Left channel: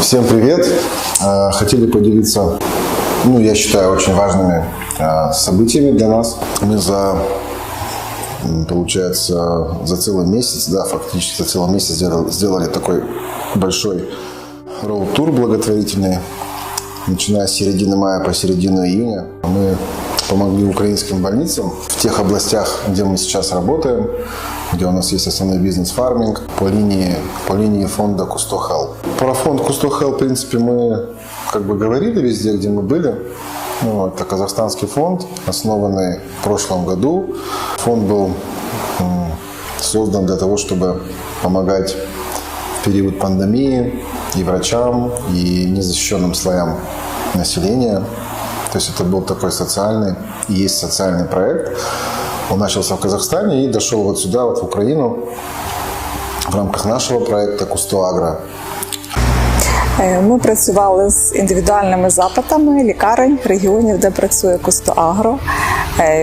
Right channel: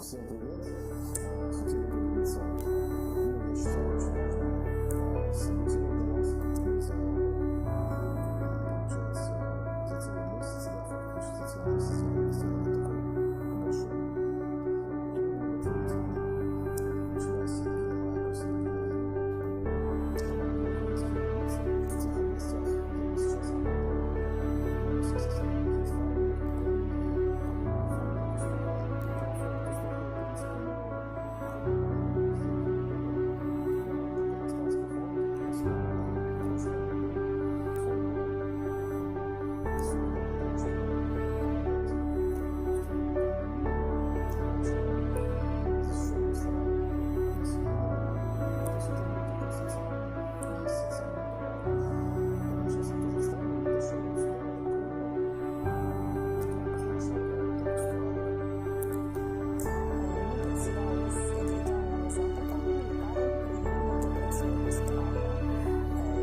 Всем привет! Хотели поделиться, я считаю, очень важными событиями для нас. Мы получается, за целый месяц, фактически за целый месяц сделали такой большой роуд-тур благотворительный. Начиная с середины мая по середину июня мы помогли украинским больницам в тех областях, где мы сейчас работаем, где у нас есть основной бизнес фарминг, по линии фонда Cousteau Health. Про фонд Cousteau Health, в принципе, мы говорили везде, где мы были. Это казахстанский фонд, основанный в прошлом году. Фонд был создан для того, чтобы помогать в период пандемии и врачам, и незащищенным слоям населения. То есть это был такой социальный, и есть социальный проект. Он начался в Казахстане и дошел вот сюда, в Украину, в рамках нашого проекту Cousteau Agro. Ми працювали з індивідуальними запитами лікарень, регіонів, де працює Cousteau Agro.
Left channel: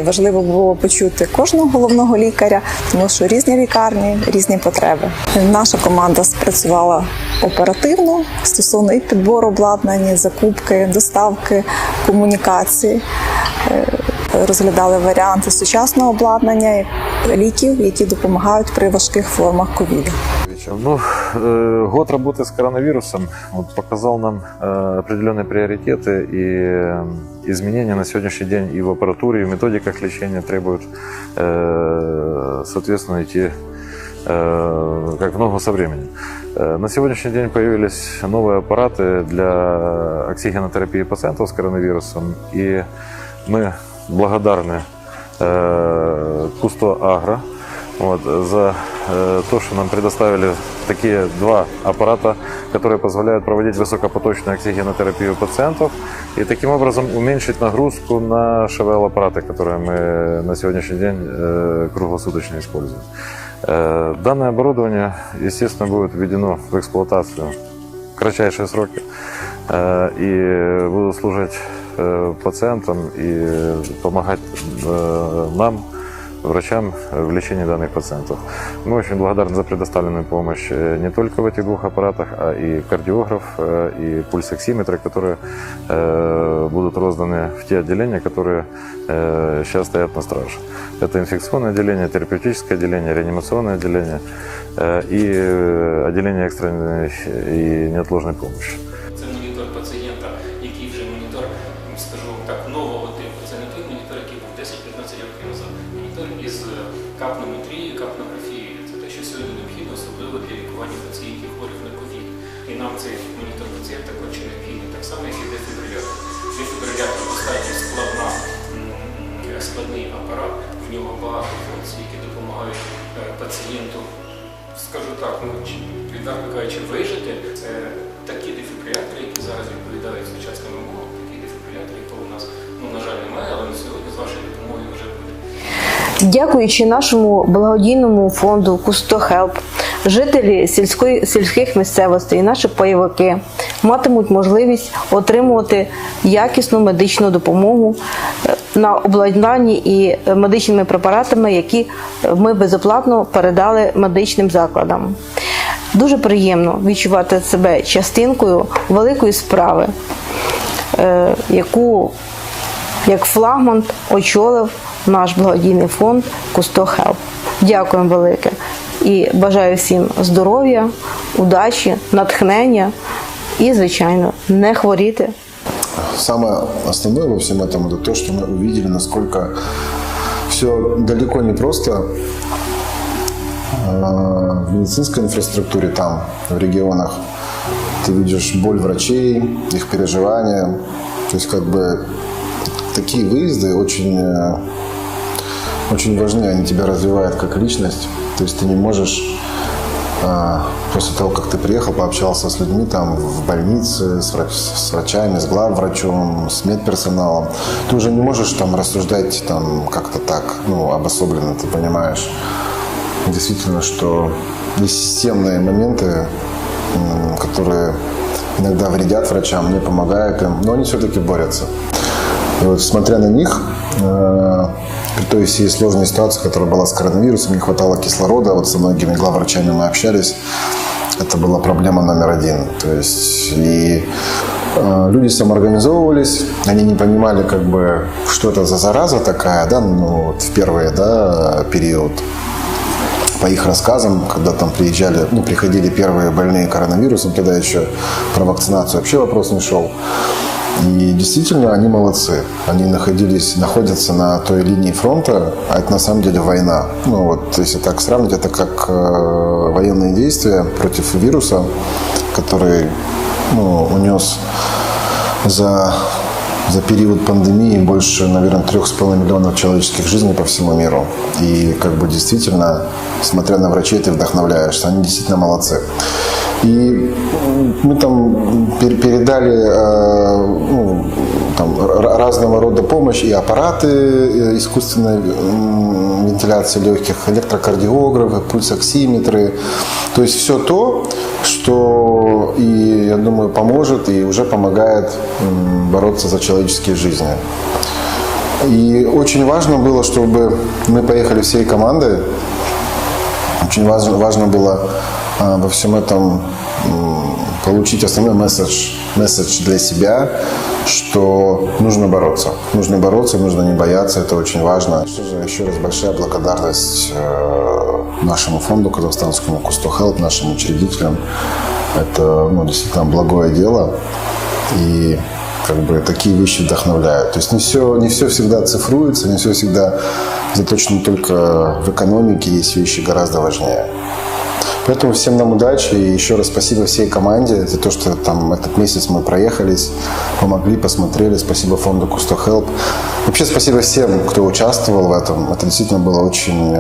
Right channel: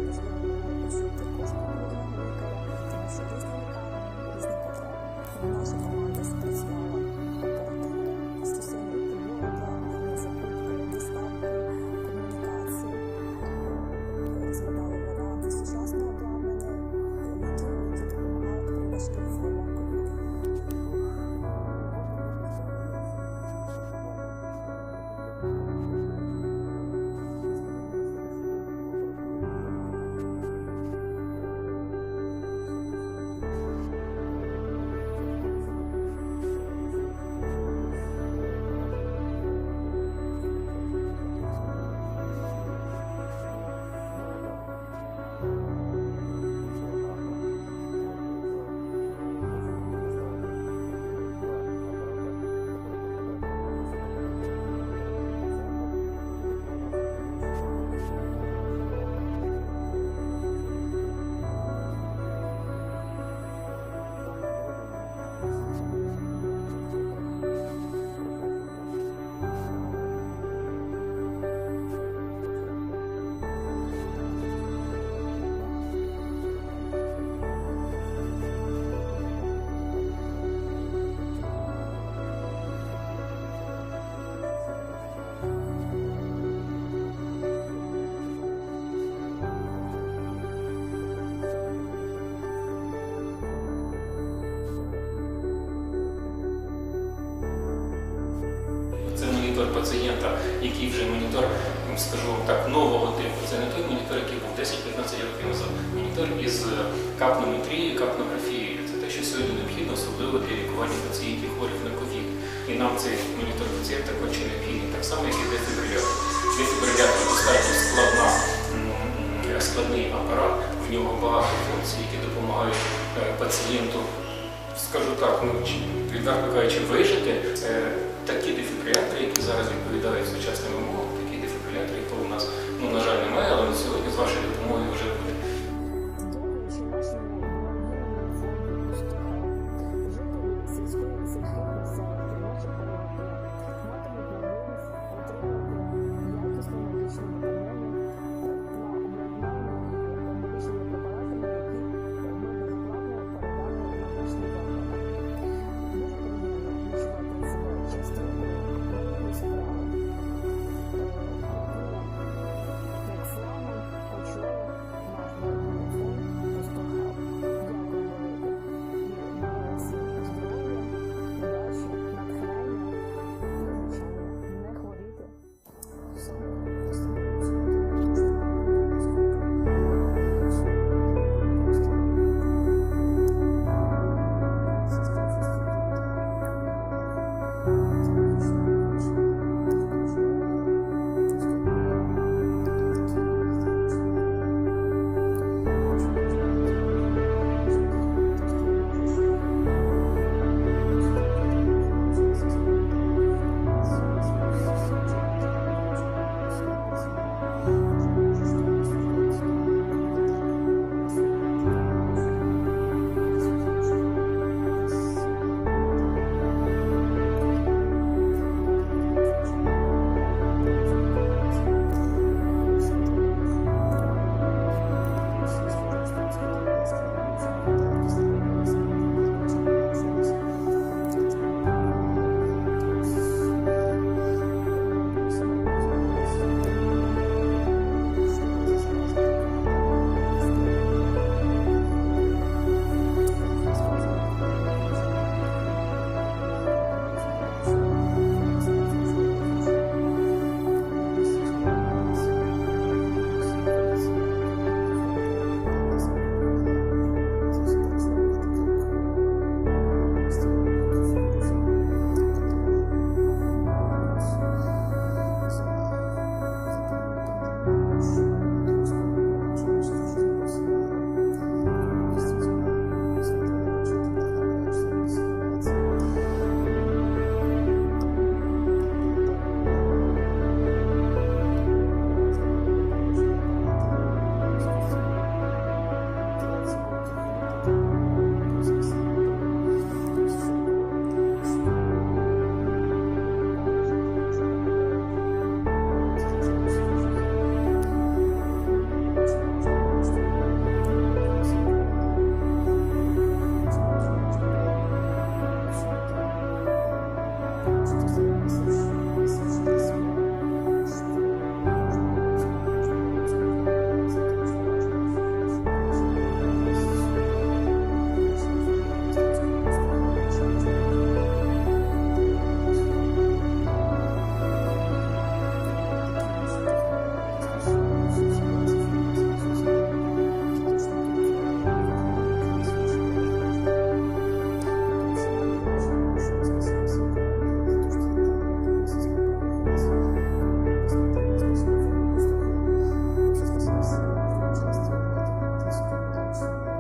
Важливо було почути кожного головного лікаря, тому що різні лікарні, різні потреби. Наша команда спрацювала оперативно стосовно і підбору обладнання, закупки, доставки, комунікації. Розглядали варіанти сучасного обладнання, ліків, які допомагають при важких формах ковіду. Год работы с коронавирусом показал нам определенные приоритеты и изменения на сегодняшний день и в аппаратуре, и в методиках лечения требуют, соответственно, идти как в ногу со временем. На сегодняшний день появились новые аппараты для оксигенотерапии пациентов с коронавирусом, и мы благодарны Cousteau Agro за то, что нам предоставили такие два аппарата, которые позволяют проводить высокопоточную оксигенотерапию пациентов и таким образом уменьшить нагрузку на ШВЛ-аппараты, которые мы на сегодняшний день круглосуточно используем. Данное оборудование, естественно, будет введено в эксплуатацию в кратчайшие сроки и будут служить пациентам и помогать нам, врачам, в лечении данных пациентов. Мы очень благодарны за предоставленную помощь не только в этих двух аппаратах, а и кардиограф, и пульсоксиметры, которые будут розданы в те отделения, которые сейчас стоят на страже. Это инфекционное отделение, терапевтическое отделение, реанимационное отделение и отделение экстренной и неотложной помощи. Це монітор пацієнта, який вже монітор, скажу вам так, нового типу. Це не той монітор, який був 10-15 років назад. Монітор із капнометрією, капнографією. Це те, що сьогодні необхідно, особливо для лікування пацієнтів хворих на ковід. І нам цей монітор пацієнта конче необхідний. Так само, як і дефібрилятор. Дефібрилятор достатньо складний апарат. В нього багато функцій, які допомагають пацієнту, скажу так, відверто кажучи, вижити. Це такі дефібрилятори, які зараз відповідають сучасним вимогам, такі дефібрилятори, якого у нас, на жаль, немає, але на сьогодні з вашою допомогою вже буде. Дякуючи нашому благодійному фонду Cousteau Health, жителі сільських місцевостей і наші пайовики матимуть можливість отримувати якісну медичну допомогу на обладнанні і медичними препаратами, які ми безоплатно передали медичним закладам. Дуже приємно відчувати себе частинкою великої справи, яку як флагман очолив наш благодійний фонд Cousteau Health. Дякуємо велике і бажаю всім здоров'я, удачі, натхнення і, звичайно, не хворіти. Самое основное во всем этом – это то, что мы увидели, насколько все далеко не просто в медицинской инфраструктуре там, в регионах. Ты видишь боль врачей, их переживания. То есть такие выезды очень важны, они тебя развивают как личность. То есть ты не можешь после того, как ты приехал, пообщался с людьми там в больнице, с врачами, с главврачом, с медперсоналом, ты уже не можешь там рассуждать там как-то так, обособленно, ты понимаешь. Действительно, что есть системные моменты, которые иногда вредят врачам, не помогают им, но они все-таки борются. И вот, смотря на них, при той всей сложной ситуации, которая была с коронавирусом, не хватало кислорода. Вот со многими главврачами мы общались. Это была проблема номер один. То есть и люди самоорганизовывались, они не понимали, как бы, что это за зараза такая, да, ну, вот в первый, да, период. По их рассказам, когда там приходили первые больные коронавирусом, тогда еще про вакцинацию вообще вопрос не шел. И действительно, они молодцы. Они находятся на той линии фронта, а это на самом деле война. Ну вот, если так сравнить, это как военные действия против вируса, который унес за период пандемии больше, наверное, 3,5 миллионов человеческих жизней по всему миру. И как бы действительно, смотря на врачей, ты вдохновляешься. Они действительно молодцы. И мы там передали разного рода помощь, и аппараты искусственной вентиляции легких, электрокардиографы, пульсоксиметры. То есть все то, что, и, я думаю, поможет и уже помогает бороться за человеческие жизни. И очень важно было, чтобы мы поехали всей командой. Очень важно было во всем этом получить основной месседж для себя, что нужно бороться. Нужно бороться, нужно не бояться, это очень важно. Еще раз большая благодарность нашему фонду казахстанскому Кусто Хелп, нашим учредителям. Это действительно благое дело. И как бы такие вещи вдохновляют. То есть не все всегда цифруется, не все всегда заточено только в экономике, есть вещи гораздо важнее. Поэтому всем нам удачи и еще раз спасибо всей команде за то, что там этот месяц мы проехались, помогли, посмотрели. Спасибо фонду Кусто Хелп. Вообще спасибо всем, кто участвовал в этом. Это действительно было очень,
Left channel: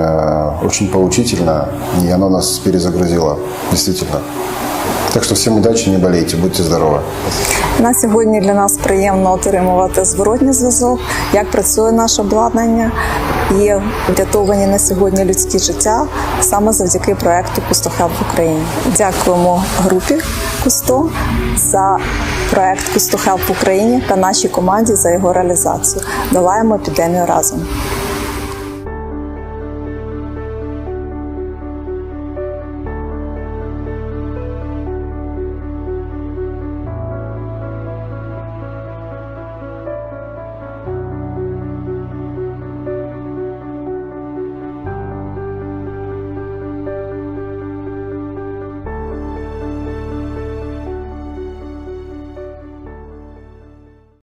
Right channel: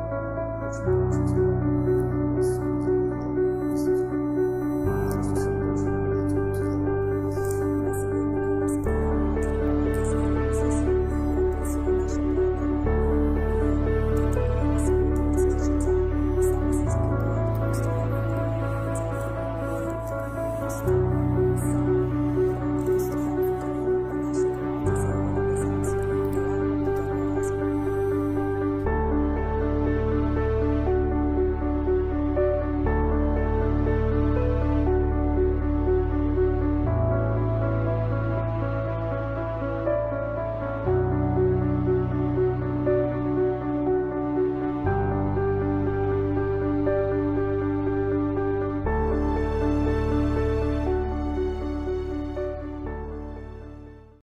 очень поучительно, и оно нас перезагрузило. Действительно. Так що всім удачі, не болейте, будьте здорові. На сьогодні для нас приємно отримувати зворотній зв'язок, як працює наше обладнання. Є врятовані на сьогодні людські життя саме завдяки проєкту Кусто Хелп в Україні. Дякуємо групі Кусто за проєкт Кусто Хелп в Україні та нашій команді за його реалізацію. Долаємо епідемію разом.